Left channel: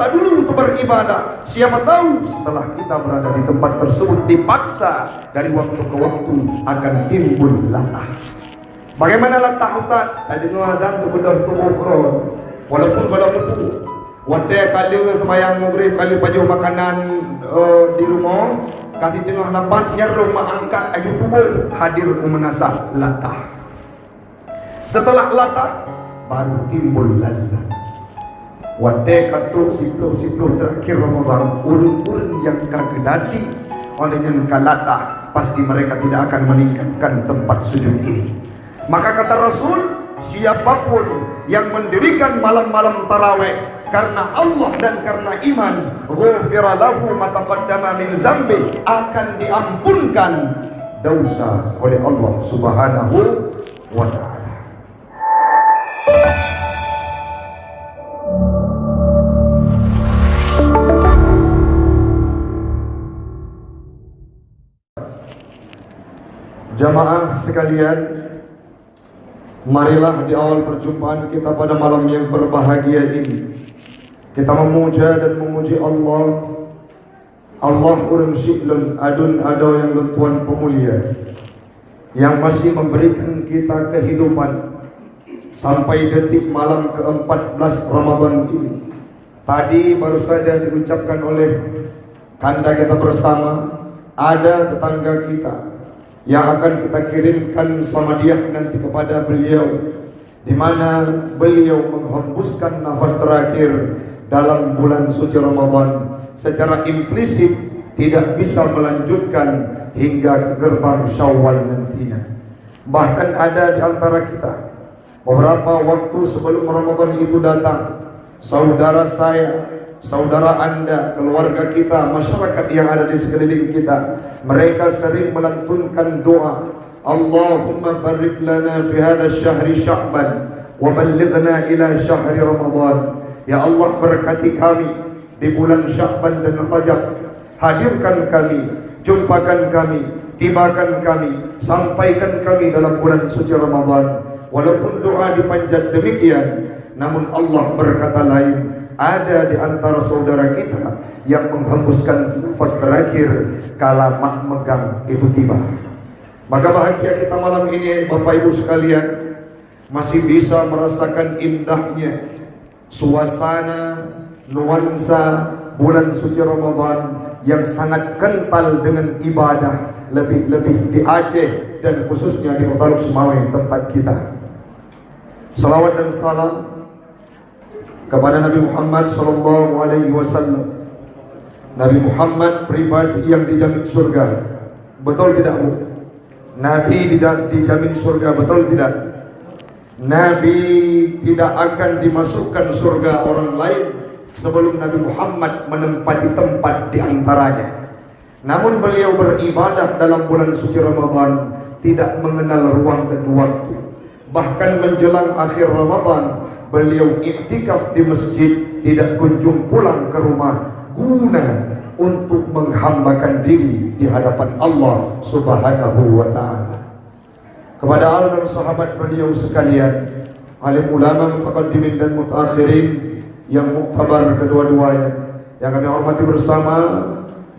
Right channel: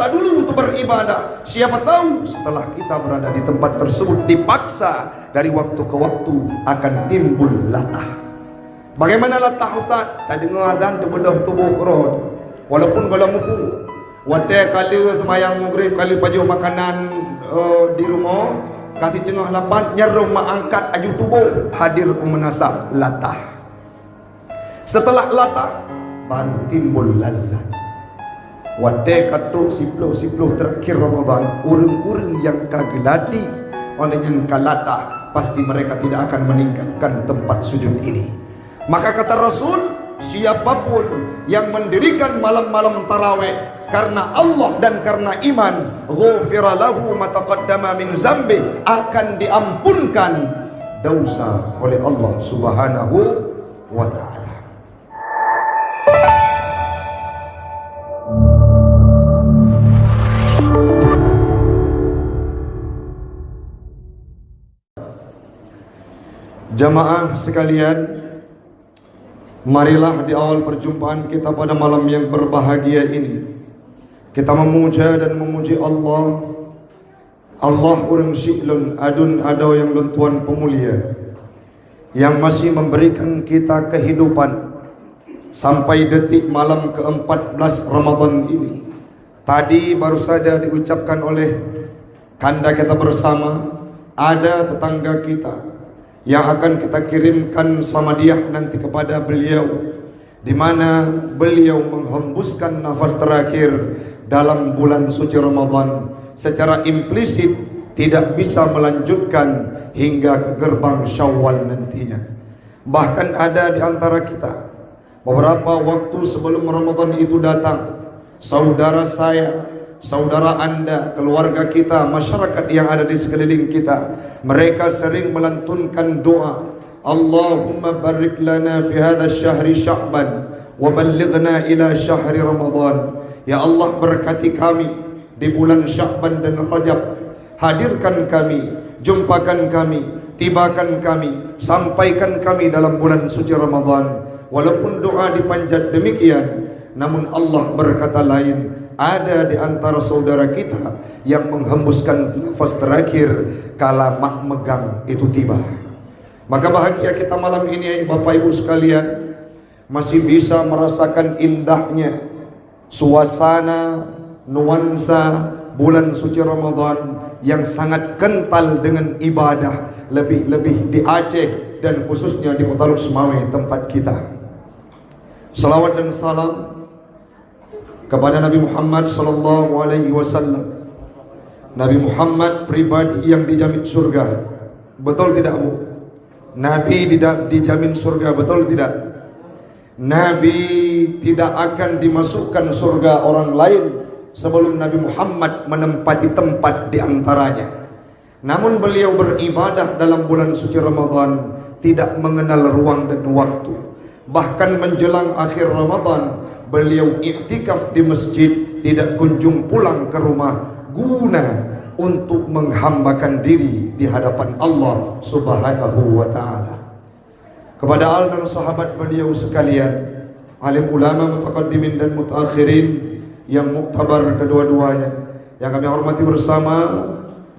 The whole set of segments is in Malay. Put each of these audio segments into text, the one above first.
dipaksa dulu untuk beribadah. Siapa tahu setelah kita berada di tempat tersebut dipaksa, dari waktu ke waktu akan timbul latah. Bagaimana latah Ustaz? Tadi mengadaan tu kedor tubuh kro. Walaupun kalau muku, wadah kali semayang maghrib, kali pajuh makanan di rumah, kasih tengah lapan, nyerum angkat aju tubuh, hadir menasa latah. Setelah latah, baru timbul lazat. Wadah katuk sipluh terakhir Ramadan, urung-urung yang kagelati oleh yang kalata, pasti mereka tidak akan meninggalkan tempat sujud ini. Maka kata Rasul, siapapun yang mendirikan malam-malam tarawih karena Allah dan karena iman, ghufira lahu ma taqaddama min zambi, akan diampunkan dosa oleh Allah Subhanahu wa taala. Jamaah sekalian, marilah di awal perjumpaan kita pada malam yang berbahagia ini, kita memuja dan memuji Allah. Allah urang syi'lun adun ado yang Tuhan pemulia, yang masih memberikan kita kehidupan sampai detik malam ke-14 Ramadan ini. Tadi baru saja diucapkan oleh kanda kita bersama, ada tetangga kita yang akan kita kirimkan sama dia nanti kepada beliau, di mana beliau menghembuskan nafas terakhir dalam bulan suci Ramadan, secara implisit tidak bisa melanjutkan hingga ke gerbang Syawal nantinya. Bahkan ada di antara kita beberapa waktu sebelum Ramadan itu datang, saudara saya, saudara anda, keluarga kita, masyarakat yang ada di sekeliling kita, mereka sering melantunkan doa, Allahumma barik lana fi hadha syahri Sya'ban wa ballighna ila syahri Ramadan. Ya Allah, berkati kami di bulan Sya'ban dan Rajab, hadirkan kami, jumpakan kami, tibakan kami, sampaikan kami dalam bulan suci Ramadan. Walaupun doa dipanjat demikian, namun Allah berkata lain. Ada di antara saudara kita yang menghembuskan nafas terakhir kala mak megang itu tiba. Maka bahagia kita malam ini Bapak Ibu sekalian, masih bisa merasakan indahnya suasana nuansa bulan suci Ramadan yang sangat kental dengan ibadah, lebih-lebih di Aceh dan khususnya di Kota Sumawe tempat kita. Salawat dan salam kepada Nabi Muhammad sallallahu alaihi wasallam. Nabi Muhammad pribadi yang dijamin surga. Betul tidak, Bu? Nabi dijamin surga, betul tidak? Nabi tidak akan dimasukkan surga orang lain sebelum Nabi Muhammad menempati tempat di antaranya. Namun beliau beribadah dalam bulan suci Ramadan tidak mengenal ruang dan waktu. Bahkan menjelang akhir Ramadan beliau iktikaf di masjid, tidak kunjung pulang ke rumah guna untuk menghambakan diri di hadapan Allah Subhanahu wa taala. Kepada al dan sahabat beliau sekalian, alim ulama mutaqaddimin dan mutaakhirin yang muktabar kedua-duanya, yang kami hormati bersama,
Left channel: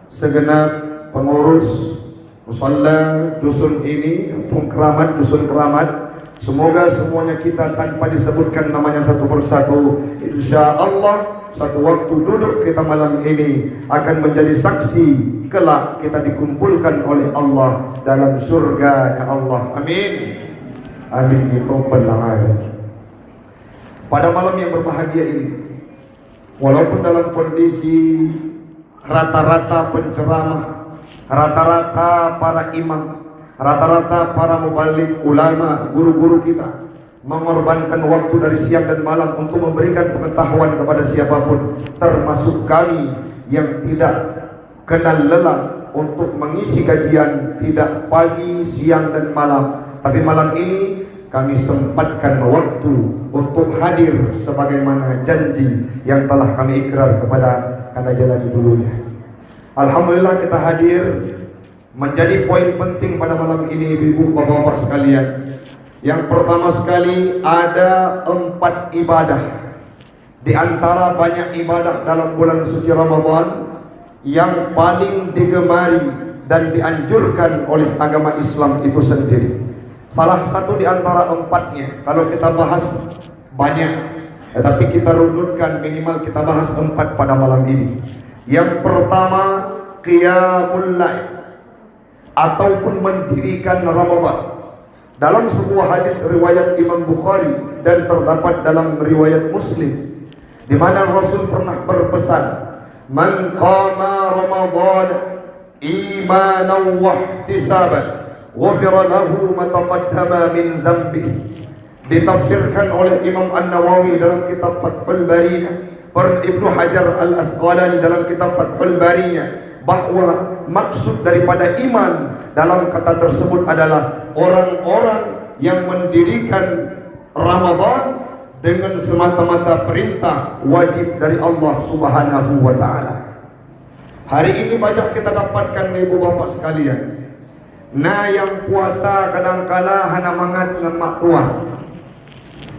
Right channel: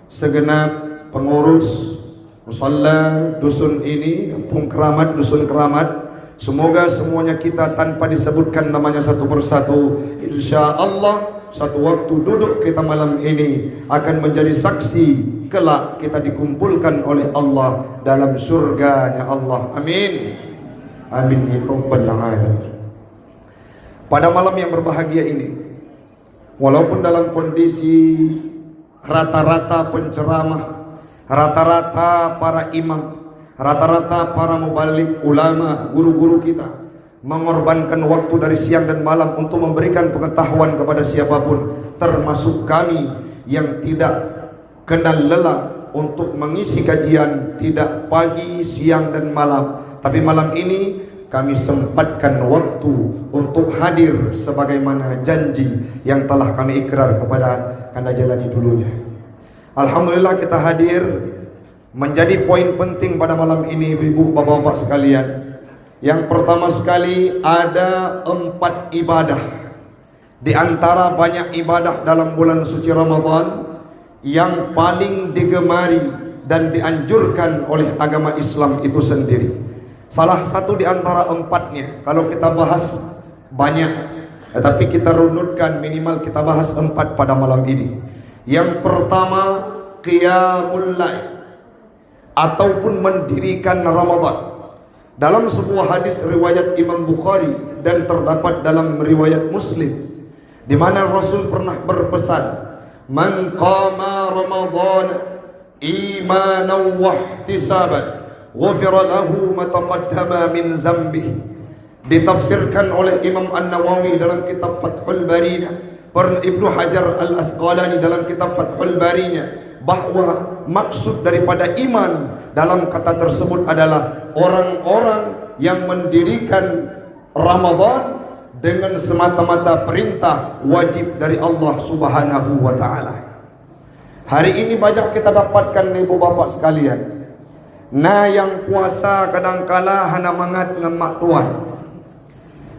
segenap pengurus musalla dusun ini, kampung keramat, dusun keramat. Semoga semuanya kita tanpa disebutkan namanya satu persatu, insya Allah satu waktu duduk kita malam ini akan menjadi saksi kelak kita dikumpulkan oleh Allah dalam surganya Allah. Amin. Amin ya rabbal alamin. Pada malam yang berbahagia ini, walaupun dalam kondisi rata-rata penceramah, rata-rata para imam, rata-rata para mubalik, ulama, guru-guru kita mengorbankan waktu dari siang dan malam untuk memberikan pengetahuan kepada siapapun, termasuk kami yang tidak kenal lelah untuk mengisi kajian, tidak pagi, siang dan malam. Tapi malam ini kami sempatkan waktu untuk hadir sebagaimana janji yang telah kami ikrar kepada Anda jalani dulunya. Alhamdulillah kita hadir. Menjadi poin penting pada malam ini ibu bapak-bapak sekalian. Yang pertama sekali, ada 4 ibadah Di antara banyak ibadah dalam bulan suci Ramadan yang paling digemari dan dianjurkan oleh agama Islam itu sendiri. Salah satu di antara empatnya, kalau kita bahas banyak, tetapi kita runutkan minimal kita bahas 4 pada malam ini. Yang pertama, qiyamul lail ataupun mendirikan Ramadan. Dalam sebuah hadis riwayat Imam Bukhari dan terdapat dalam riwayat Muslim, di mana Rasul pernah berpesan, "Man qama Ramadan imanan wa ihtisaban, ghufira lahu ma taqaddama min dzambih." Ditafsirkan oleh Imam An-Nawawi dalam kitab Fathul Barinya, Ibnu Hajar Al-Asqalani dalam kitab Fathul Barinya, bahwa maksud daripada iman dalam kata tersebut adalah orang-orang yang mendirikan Ramadan dengan semata-mata perintah wajib dari Allah Subhanahu wa taala. Hari ini banyak kita dapatkan ibu bapak sekalian, nah yang puasa kadangkala hana mangat dengan mak tua.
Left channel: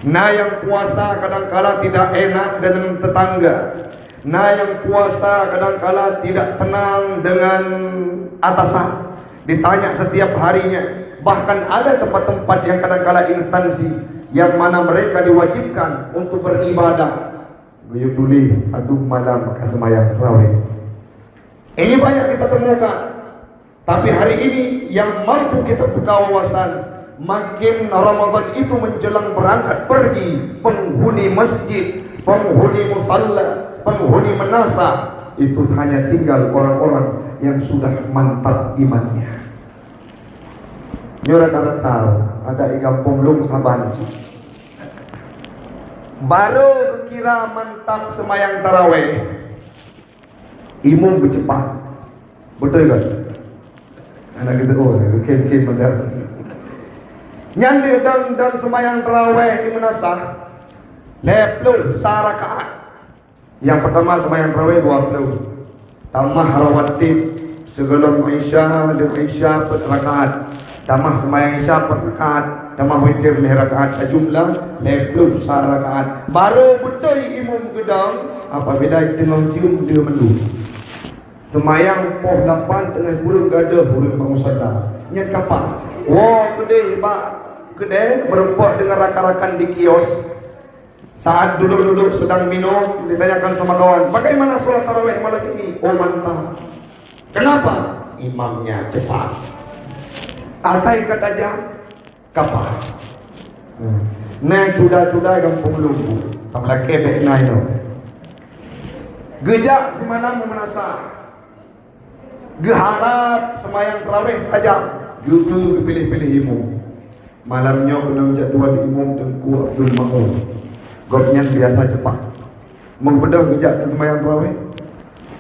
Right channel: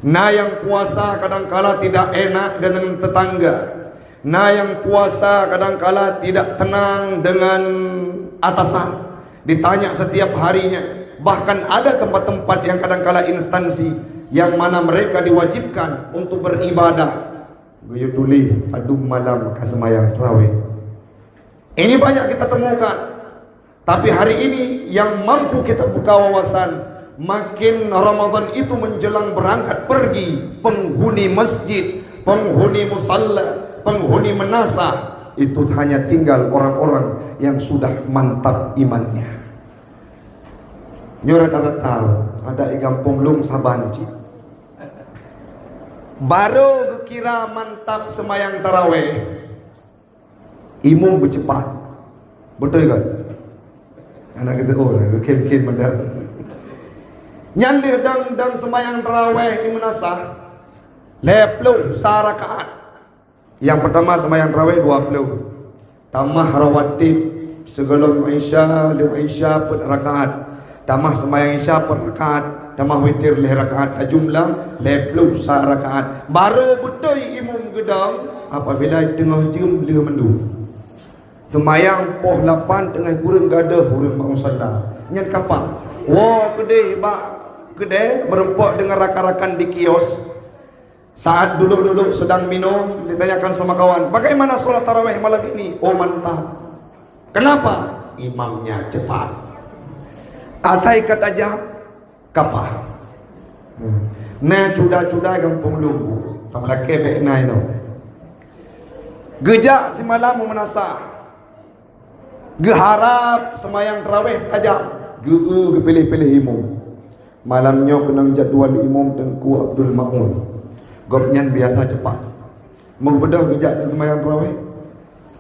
Nah yang puasa kadangkala tidak enak dengan tetangga. Nah yang puasa kadangkala tidak tenang dengan atasan. Ditanya setiap harinya. Bahkan ada tempat-tempat yang kadangkala instansi yang mana mereka diwajibkan untuk beribadah. Buyutuli adum malam kasemayang tarawih. Ini banyak kita temukan. Tapi hari ini yang mampu kita buka wawasan, makin Ramadan itu menjelang berangkat pergi, penghuni masjid, penghuni musalla, penghuni menasa, itu hanya tinggal orang-orang yang sudah mantap imannya. Nyurat ada tahu, ada ikan pomlung sabanci. Baru kira mantap semayang taraweh, imum bercepat, betul kan? Anak kita kem-kem mendak. Nyali dan semayang taraweh di menasa, leplu sarakaat. Yang pertama semayang taraweh 20, tambah rawatib sebelum Isya, per rakaat, tambah semayang Isya per rakaat, tambah witir le rakaat, jumlah leplu sarakaat. Baru betul imam gedang apabila tengah cium dia melu. Semayang poh 8 tengah kurun gada kurun musalla. Nyat kapal. Wah kedai berempok dengan rakan-rakan di kios. Saat duduk-duduk sedang minum, ditanyakan sama kawan, bagaimana sholat tarawih malam ini? Oh mantap. Kenapa? Imamnya cepat. Atai kata jam kapal. Nah cuda-cuda gampang lumpuh. Tak laki baik naik no. Gejak semalam menasa. Geharap semayang tarawih tajam. Juga pilih-pilih imam. Malamnya kena jadual imam Tengku Abdul Ma'un. Gopnya biasa cepat. Membedah bijak ke semayang tarawih.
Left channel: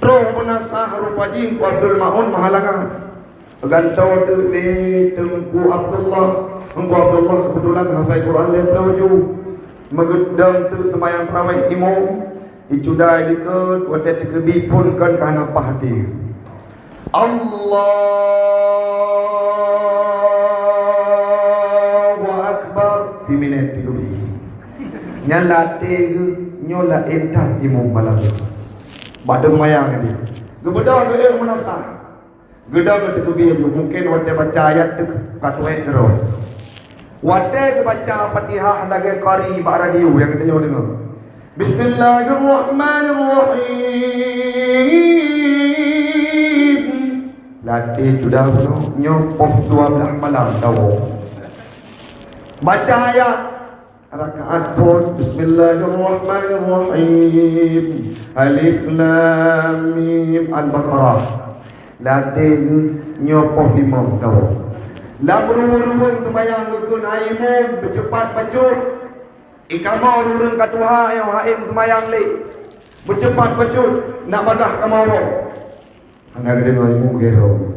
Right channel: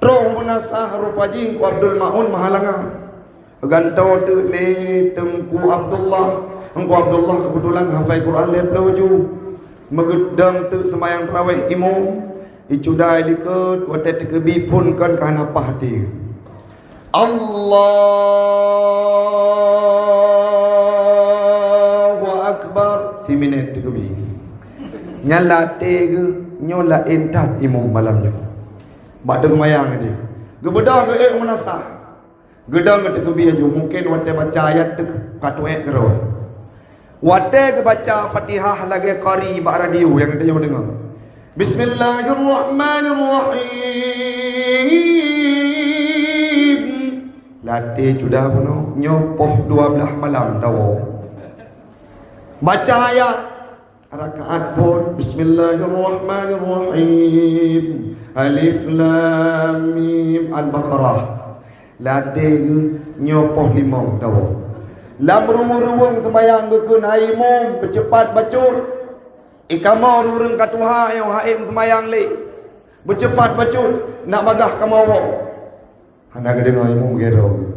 Terus menasah rupa Tengku Abdul Ma'un mahalangan. Gantau tu le Tengku Abdullah. Tengku Abdullah kebetulan hafal Quran le pelaju. Megedam tu semayang tarawih imam. Icudai dekat wadah tekebi pun kan kana pahdi. Allahu Akbar. Fi minit tekebi. Nyala tege nyola entat imam malam. Bada semayang dia. Gebedah ke menasah. Gedang itu kebiaya mungkin waktu baca ayat tu katuai keroi. Waktu baca Fatihah lagi qari radio yang kita jauh dengar. Bismillahirrahmanirrahim. Latih sudah nyopoh 12 malam tahu. Baca ayat rakaat pun Bismillahirrahmanirrahim. Alif Lam Mim Al-Baqarah. Latih nyopoh 5 tahu. Lam rumah-rumah sembayang dukun aimum bercepat bacur. Ikamau rumah katuha yang haim sembayang le. Bercepat bacur nak madah kamau. Hanya gede aimum gero.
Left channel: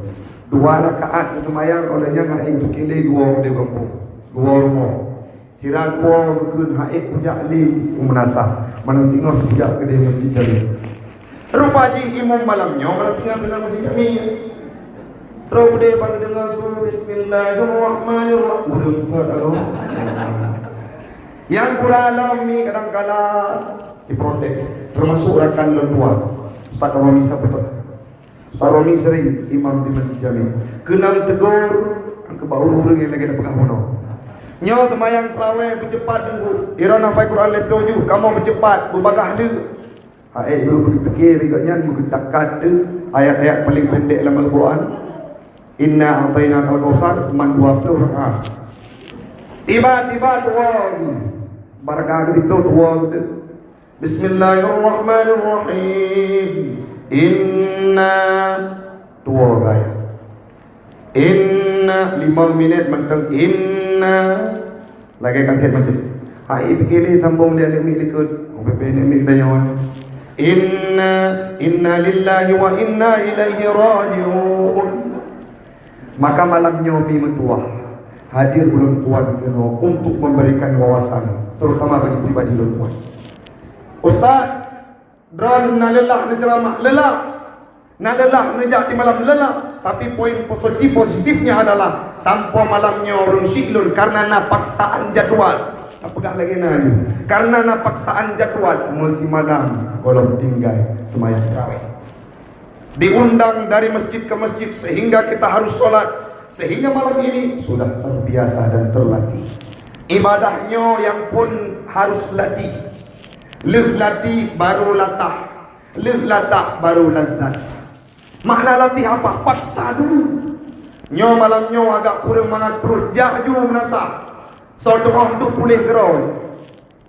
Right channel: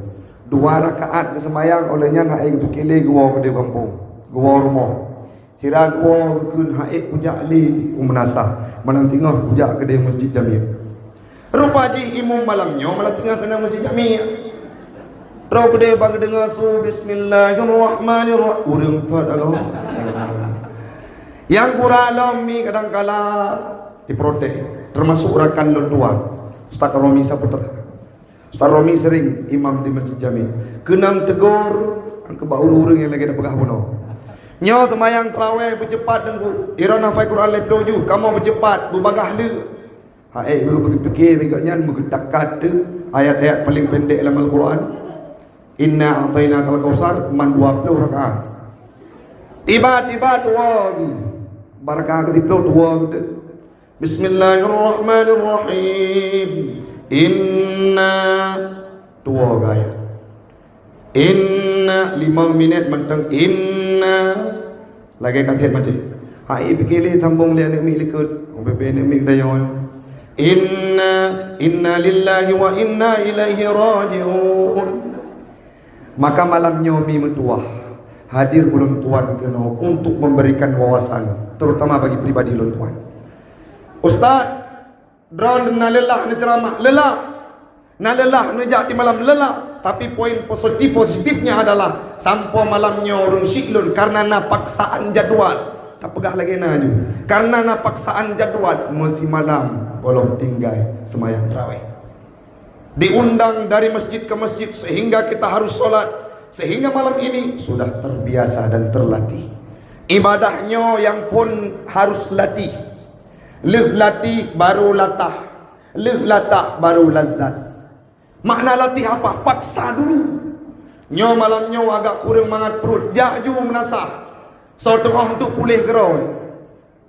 2 rakaat sembayang olehnya nak aim bukile gua gede kampung. Gua rumah. Kira gua dukun haim pujak li umnasah. Mana tengok pujak gede masjid Jami. Rupa ji imam malamnya malah tengah kena masjid Jami. Terus dia bang dengar surah Bismillahirrahmanirrahim. Urang kot aku. Yang Quran mi kadang-kala diprotes. Termasuk rakan lentuan. Ustaz Romi siapa tu? Ustaz Romi sering imam di Masjid Jami. Kenang tegur angka bauru-uru yang lagi dah pegah bono. Nyo temayang terawih bercepat tengku. Irana fai Quran lepdo ju, kamu bercepat berbagah lu. Lu fikir riganya mengetakat ayat-ayat paling pendek dalam Al-Quran. Inna a'tainaka al-kautsar man 20 rakaat. Tiba-tiba dua barakah ketiga dua gitu. Bismillahirrahmanirrahim. Inna dua gaya. Inna 5 minit mentang inna lagi kata macam. Hai fikir tambung dia ni ikut. OPP ni dayon. Inna lillahi wa inna ilaihi raji'un. Maka malamnya mi mentua hadir ulun tuan kena untuk memberikan wawasan terutama bagi pribadi ulun tuan. Ustaz, drone na lelah na ceramah lelah. Na lelah na jati malam lelah, tapi poin positifnya adalah sampai malamnya urun syilun karena na paksaan jadual. Tak pegah lagi na ju. Karena na paksaan jadual mesti malam kalau tinggal sembahyang tarawih. Diundang dari masjid ke masjid sehingga kita harus solat. Sehingga malam ini sudah terbiasa dan terlatih. Ibadahnya yang pun harus latih. Lef latih baru latah. Lef latah baru lazat. Makna latih apa? Paksa dulu. Nyo malamnya agak kurang mangat perut. Jahju menasah. Suatu orang tu pulih gerau.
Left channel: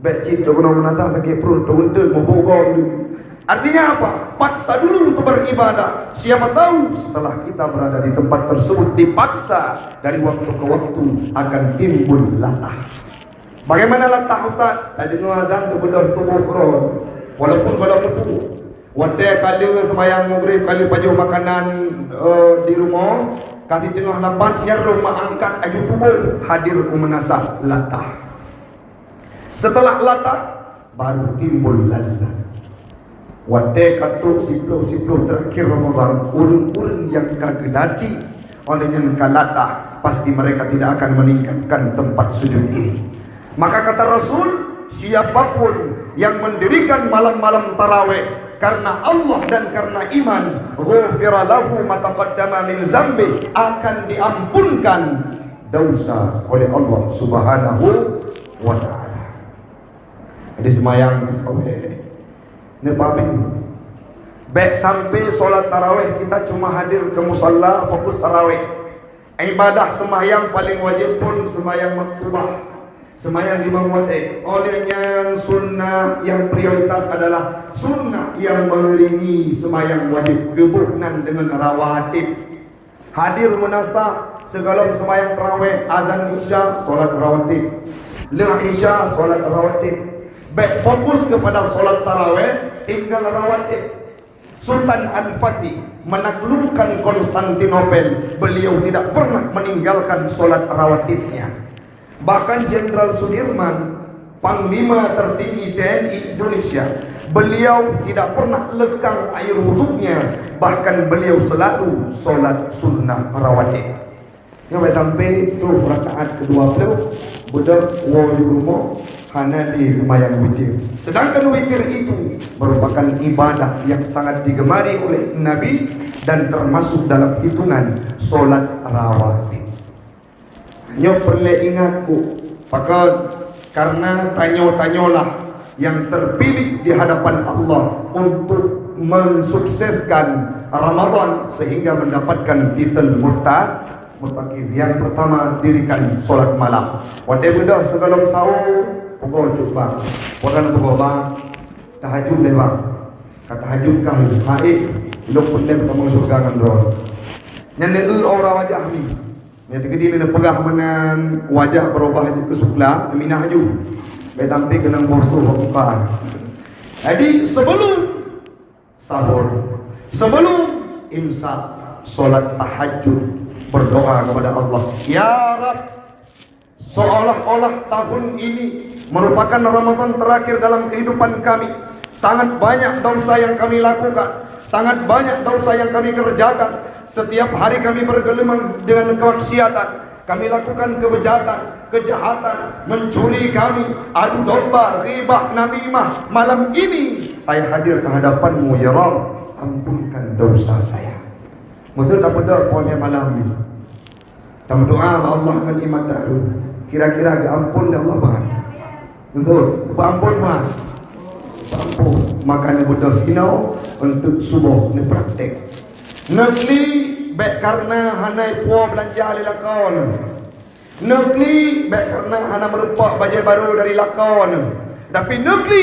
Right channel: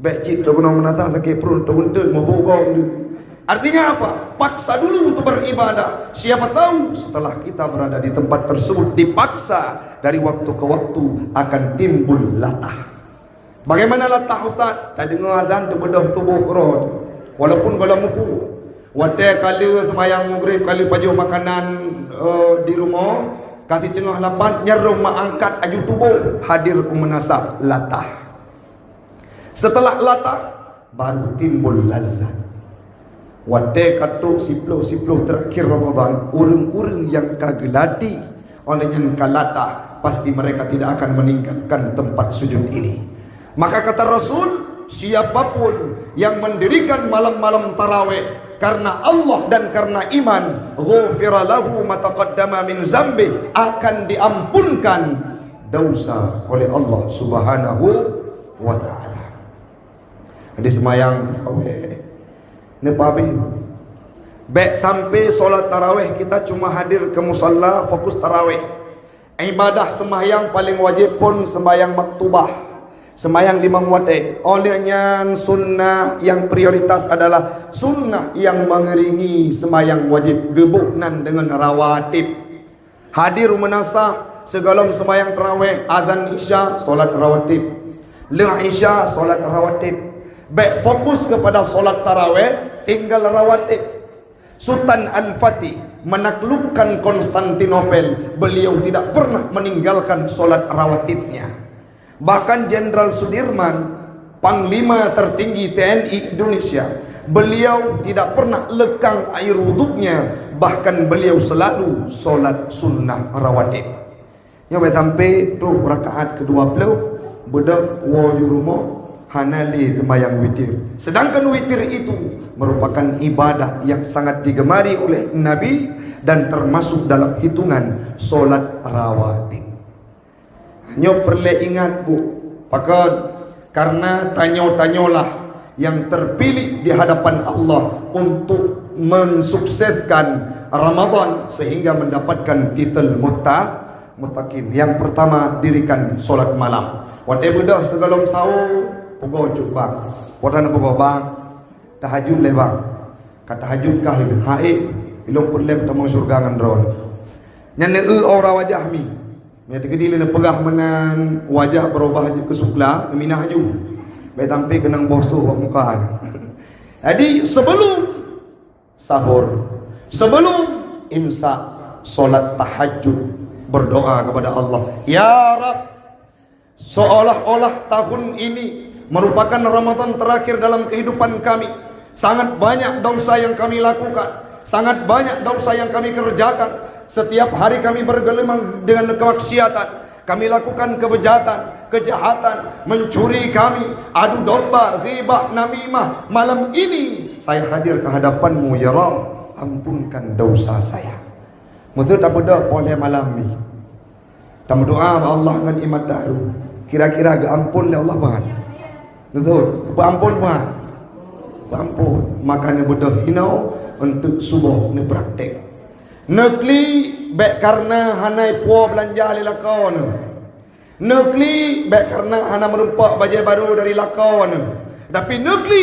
Baik cinta guna menatah sakit perut. Untuk membogong dulu. Artinya apa? Paksa dulu untuk beribadah. Siapa tahu setelah kita berada di tempat tersebut dipaksa, dari waktu ke waktu akan timbul latah. Bagaimana latah Ustaz? Tadi mengadhan tu kedor tubuh kerot. Walaupun kalau mupu. Wadah kali semayang maghrib, kali paju makanan di rumah, kasih tengah lapan, nyerum angkat aju tubuh, hadir menasah latah. Setelah latah, baru timbul lazat. Wadai katuk sipluh terakhir Ramadan, urung-urung yang kagelati oleh yang kalata, pasti mereka tidak akan meninggalkan tempat sujud ini. Maka kata Rasul, siapapun yang mendirikan malam-malam tarawih karena Allah dan karena iman, ghufira lahu ma taqaddama min zambi, akan diampunkan dosa oleh Allah Subhanahu wa taala. Jadi semayang tarawih Nepabi. Baik sampai solat tarawih kita cuma hadir ke musalla fokus tarawih. Ibadah sembahyang paling wajib pun sembahyang maktubah. Sembahyang 5 waktu. Olehnya sunnah yang prioritas adalah sunnah yang mengiringi sembahyang wajib gebunan dengan rawatib. Hadir menasa segala sembahyang tarawih, azan isya, solat rawatib. Leng isya, solat rawatib. Baik fokus kepada solat tarawih tinggal rawatib. Sultan Al-Fatih menaklukkan Konstantinopel, beliau tidak pernah meninggalkan solat rawatibnya. Bahkan Jenderal Sudirman, Panglima tertinggi TNI Indonesia, beliau tidak pernah lekang air wuduknya, bahkan beliau selalu solat sunnah rawatib. Yang sampai 20 rakaat ke-20 budak di rumah hanali semayang witir. Sedangkan witir itu merupakan ibadah yang sangat digemari oleh Nabi dan termasuk dalam hitungan solat rawatib. Nyo perlu ingat bu, karena tanyo-tanyolah yang terpilih di hadapan Allah untuk mensukseskan Ramadan sehingga mendapatkan titel mutakin. Yang pertama, dirikan solat malam. Waktu budak sebelum sahur pukul coba, bukan pukul bang, tahajud lewat, kata tahajud kah itu, ilo pun lewat mau surga kan drone. Yang orang wajah kami, yang tegedi lena pegah menan wajah berubah ke sebelah, minah ju, baik sampai kena bosur bukan. Jadi sebelum sahur, sebelum imsak, solat tahajud, berdoa kepada Allah, ya Rabb, seolah-olah tahun ini merupakan Ramadan terakhir dalam kehidupan kami. Sangat banyak dosa yang kami lakukan, sangat banyak dosa yang kami kerjakan. Setiap hari kami bergelimang dengan kemaksiatan. kami lakukan kejahatan, mencuri kami, adu domba, ghibah, namimah. Malam ini saya hadir ke hadapanmu ya Rabb, ampunkan dosa saya. Mutu tak berdoa oleh malam ini. Tak berdoa Allah menikmat daru. Kira-kira ke ampun oleh Allah bang. Betul, ampun bang. Ampun, makanya berdoa hinau untuk subuh ni praktek. Nekli baik karena hanai puas belanja li lakon. Nekli baik karena hana merupak baju baru dari lakon. Tapi nekli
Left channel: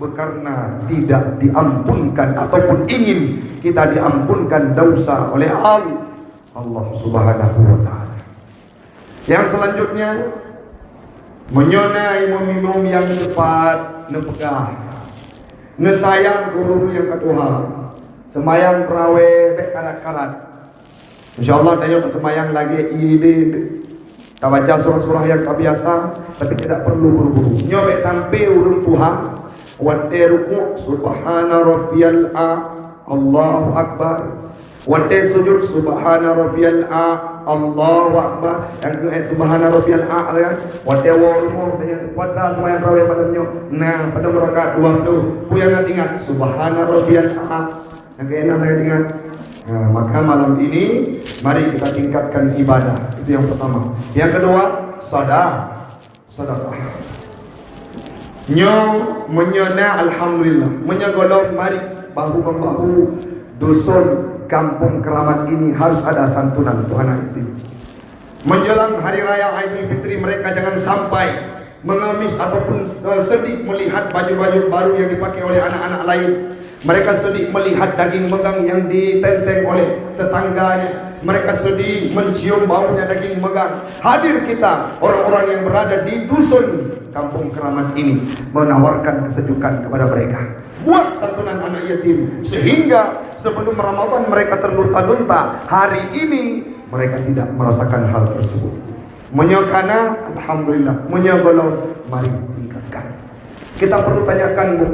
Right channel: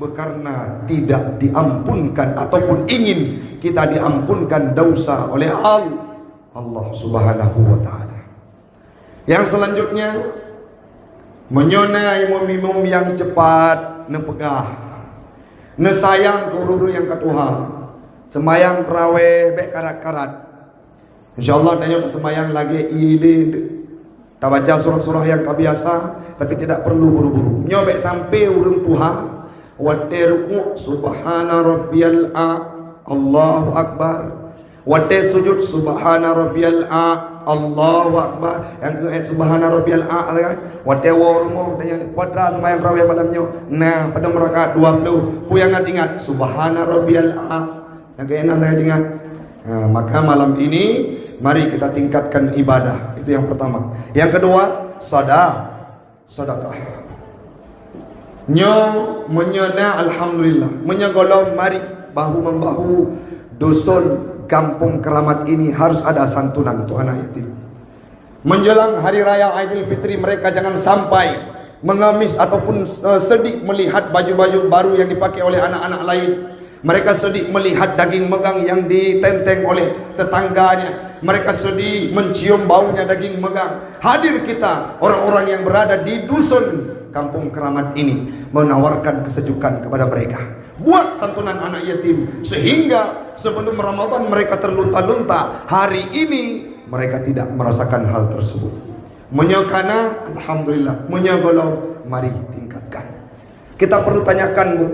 berkarena tidak diampunkan ataupun ingin kita diampunkan dosa oleh Allah Subhanahu wa taala. Yang selanjutnya menyonai meminum yang cepat, nepegah. Nesayang guru yang ketuha. Semayang terawih baik karat-karat. InsyaAllah tanya semayang lagi ilin. Tak baca surah-surah yang tak biasa, tapi tidak perlu buru-buru. Nyobek tampil urun Tuhan. Wate ruku' subhana rabbiyal a, Allahu akbar. Wate sujud subhana rabbiyal a, Allahu akbar. Yang ke subhana rabbiyal a kan. Wate warmo tanya kuadrat semayang terawih malamnya. Nah, pada rakaat 20 pu yang ingat subhana rabbiyal a. Yang keenam saya ingat. Nah, maka malam ini mari kita tingkatkan ibadah. Itu yang pertama. Yang kedua, sedekah. Menyana alhamdulillah, menyegolong mari bahu membahu dusun kampung Keramat ini harus ada santunan untuk anak yatim. Menjelang hari raya Aidil Fitri mereka jangan sampai mengemis ataupun sedih melihat baju-baju baru yang dipakai oleh anak-anak lain. Mereka sedih melihat daging megang yang ditenteng oleh tetangganya. Mereka sedih mencium baunya daging megang. Hadir kita orang-orang yang berada di dusun kampung Keramat ini menawarkan kesejukan kepada mereka. Buat santunan anak yatim sehingga sebelum Ramadan mereka terlunta-lunta. Hari ini mereka tidak merasakan hal tersebut. Menyakana alhamdulillah, menyagolau mari tingkatkan. Kita perlu tanyakan Bu.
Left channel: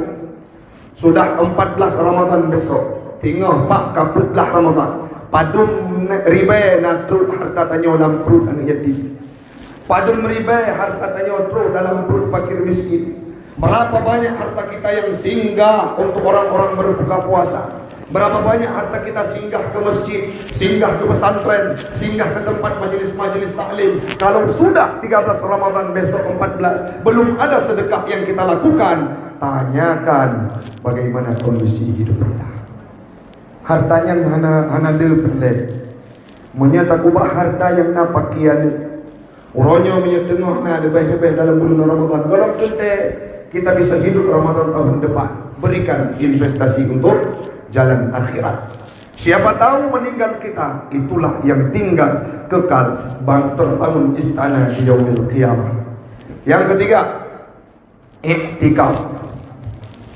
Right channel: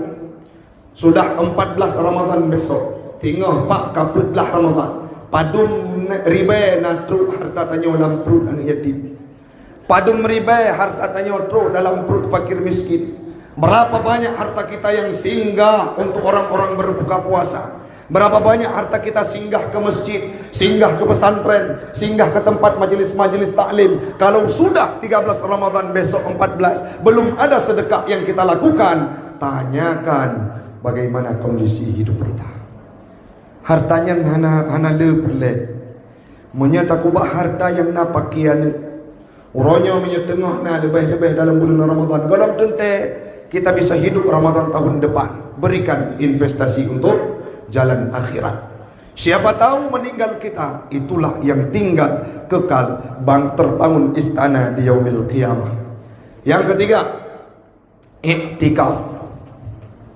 Sudah 14 Ramadan besok. Tinggal Pak kaputlah Ramadan. Padum ribe natrut harta tanya dalam perut anak yatim. Padum ribe harta tanya dalam perut fakir miskin. Berapa banyak harta kita yang singgah untuk orang-orang berbuka puasa. Berapa banyak harta kita singgah ke masjid, singgah ke pesantren, singgah ke tempat majelis-majelis taklim. Kalau sudah 13 Ramadan besok 14 belum ada sedekah yang kita lakukan, tanyakan bagaimana kondisi hidup kita. Hartanya hana lebih. Menyata kubah harta yang napakian. Urangnya menyetengah na lebih-lebih dalam bulan Ramadan. Dalam tentu kita bisa hidup Ramadan tahun depan. Berikan investasi untuk jalan akhirat. Siapa tahu meninggal kita, itulah yang tinggal kekal bang terbangun istana di yaumil qiyamah. Yang ketiga, iktikaf.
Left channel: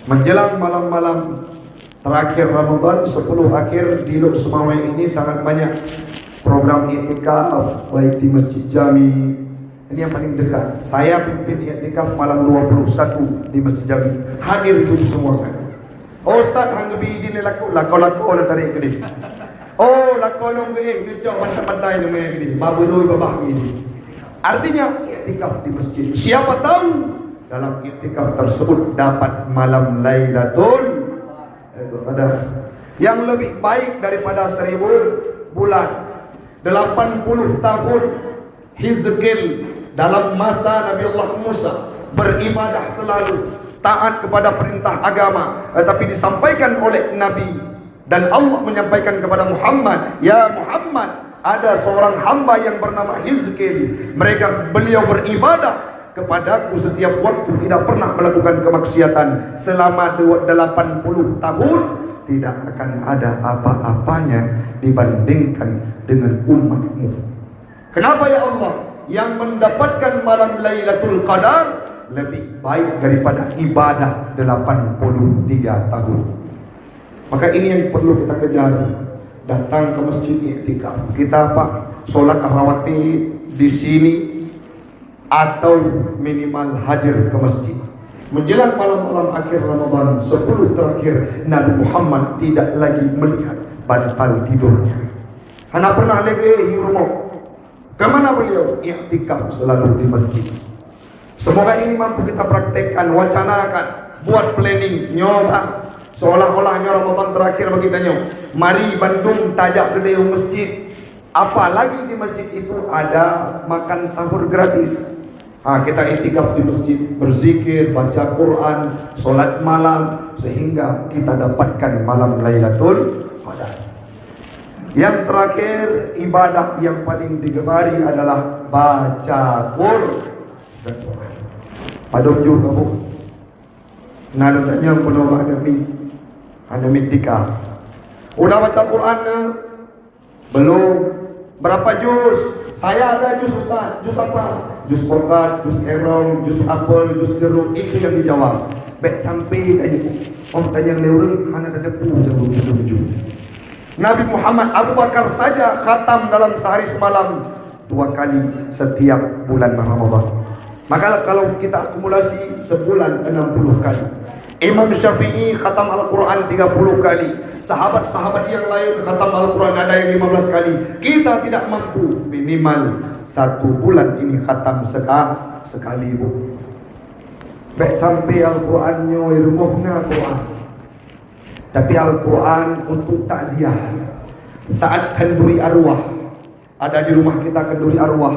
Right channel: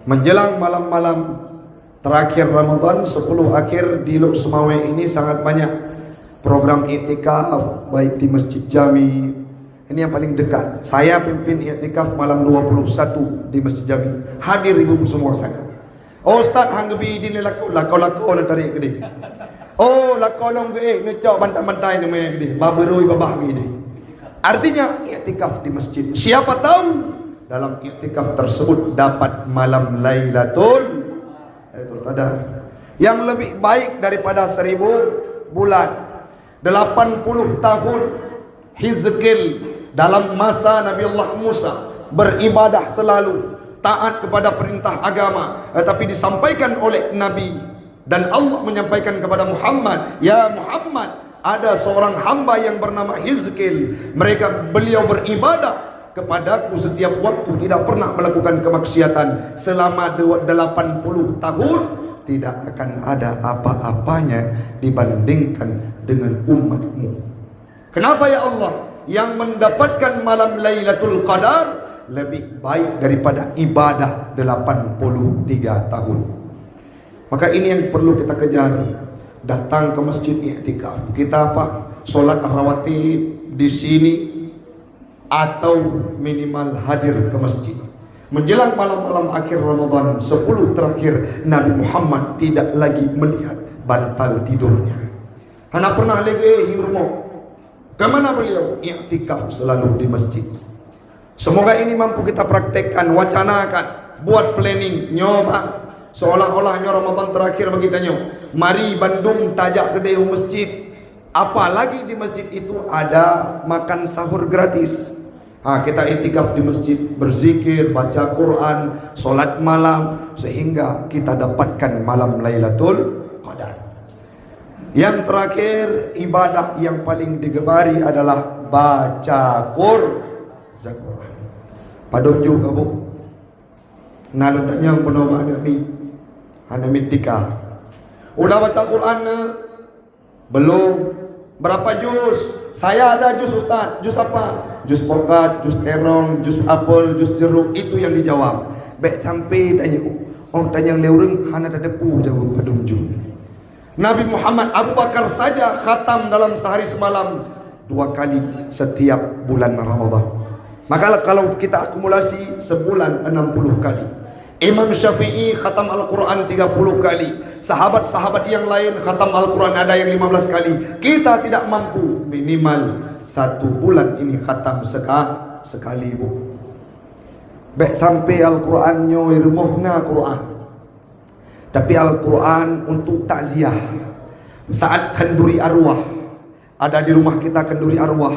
Menjelang malam-malam terakhir Ramadan 10 akhir di Lok Sumawai ini sangat banyak program iktikaf baik di Masjid Jami. Ini yang paling dekat. Saya pimpin iktikaf malam 21 di Masjid Jami. Hadir ibu semua saya. Oh Ustaz hang gebi di lako nak tarik gede. Oh lako long ge ngecok bantai-bantai ni gede. Baberoi babah gede. Artinya iktikaf di masjid. Siapa tahu dalam iktikaf tersebut dapat malam Lailatul Qadar yang lebih baik daripada 1000 bulan. 80 tahun Hizqil dalam masa Nabi Allah Musa beribadah selalu, taat kepada perintah agama, tetapi disampaikan oleh Nabi dan Allah menyampaikan kepada Muhammad, ya Muhammad, ada seorang hamba yang bernama Hizqil. Beliau beribadah kepadaku setiap waktu, tidak pernah melakukan kemaksiatan selama 80 tahun. Tidak akan ada apa-apanya dibandingkan dengan umatmu. Kenapa ya Allah? Yang mendapatkan malam Lailatul Qadar lebih baik daripada ibadah 83 tahun. Maka ini yang perlu kita kejar. Datang ke masjid iktikaf. Kita apa? Solat rawatib di sini atau minimal hadir ke masjid. Menjelang malam-malam akhir Ramadan 10 terakhir, Nabi Muhammad tidak lagi melihat bantal tidurnya. Hana pernah lagi rumah Kemana beliau? Iktikaf selalu di masjid. Semoga ini mampu kita praktekkan, wacanakan, buat planning, nyoba. Seolah-olahnya Ramadan terakhir bagi kita. Mari Bandung tajak ke masjid. Apalagi di masjid itu ada makan sahur gratis. Kita iktikaf di masjid, berzikir, baca Quran, solat malam, sehingga kita dapatkan malam Lailatul Qadar. Yang terakhir, ibadah yang paling digemari adalah baca Quran. Padahal juga bu, nalutnya penuh Anda mitika. Udah baca Quran? Belum. Berapa juz? Saya ada juz Ustaz. Juz apa? Juz pokat, juz terong, juz apel, juz jeruk. Itu yang dijawab. Baik sampai tanya. Tanya leurung, hana ada pu jauh. Nabi Muhammad Abu Bakar saja khatam dalam sehari semalam 2 kali setiap bulan Ramadan. Maka kalau kita akumulasi sebulan 60 kali. Imam Syafi'i khatam Al-Quran 30 kali. Sahabat-sahabat yang lain khatam Al-Quran ada yang 15 kali. Kita tidak mampu, minimal 1 bulan ini khatam sekali bu. Baik sampai Al-Qurannya rumahnya Quran. Tapi Al-Quran untuk takziah. Saat kenduri arwah, ada di rumah kita kenduri arwah,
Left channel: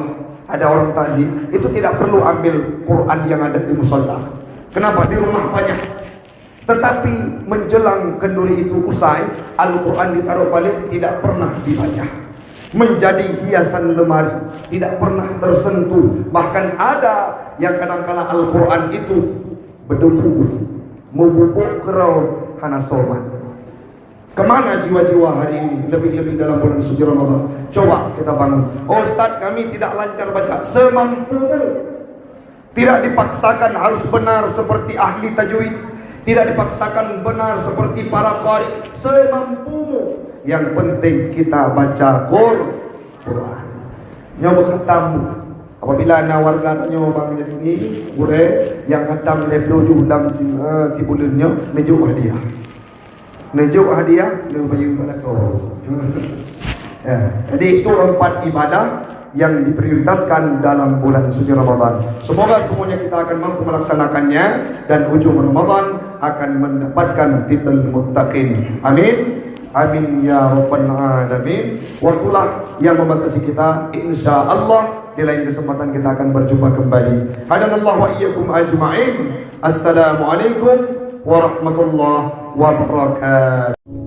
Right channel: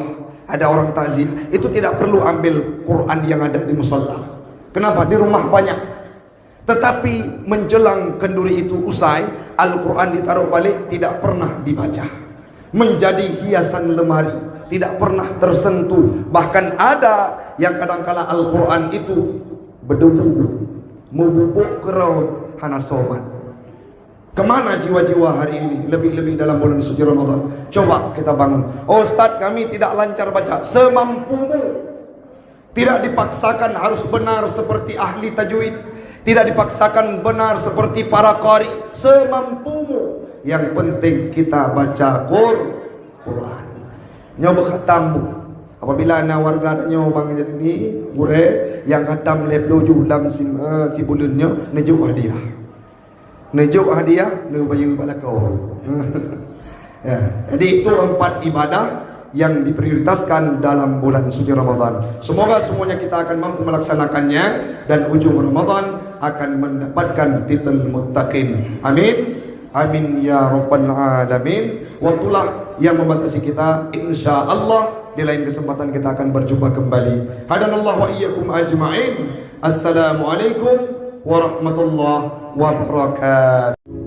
ada orang takziah, itu tidak perlu ambil Quran yang ada di musalla. Kenapa? Di rumah banyak. Tetapi menjelang kenduri itu usai, Al-Quran ditaruh balik, tidak pernah dibaca. Menjadi hiasan lemari, tidak pernah tersentuh. Bahkan ada yang kadang-kala Al-Quran itu berdebu, membubuk kerau hana somat. Kemana jiwa-jiwa hari ini? Lebih-lebih dalam bulan suci Ramadan. Coba kita bangun. Ustaz, kami tidak lancar baca. Semampumu. Tidak dipaksakan harus benar seperti ahli tajwid. Tidak dipaksakan benar seperti para qari. Semampumu. Yang penting kita baca Quran. Nyoba katamu. Apabila ana warga nyoba ini, ure yang khatam leplo dalam sing kibulunnya nejuk hadiah. Nejuk hadiah lu bayu pada kau. Ya, jadi itu 4 ibadah yang diprioritaskan dalam bulan suci Ramadan. Semoga semuanya kita akan mampu melaksanakannya dan ujung Ramadan akan mendapatkan titel muttaqin. Amin. Amin ya rabbal alamin. Waktulah yang membatasi kita. Insyaallah di lain kesempatan kita akan berjumpa kembali. Hadanallahu wa iyyakum ajma'in. Assalamualaikum warahmatullahi wabarakatuh.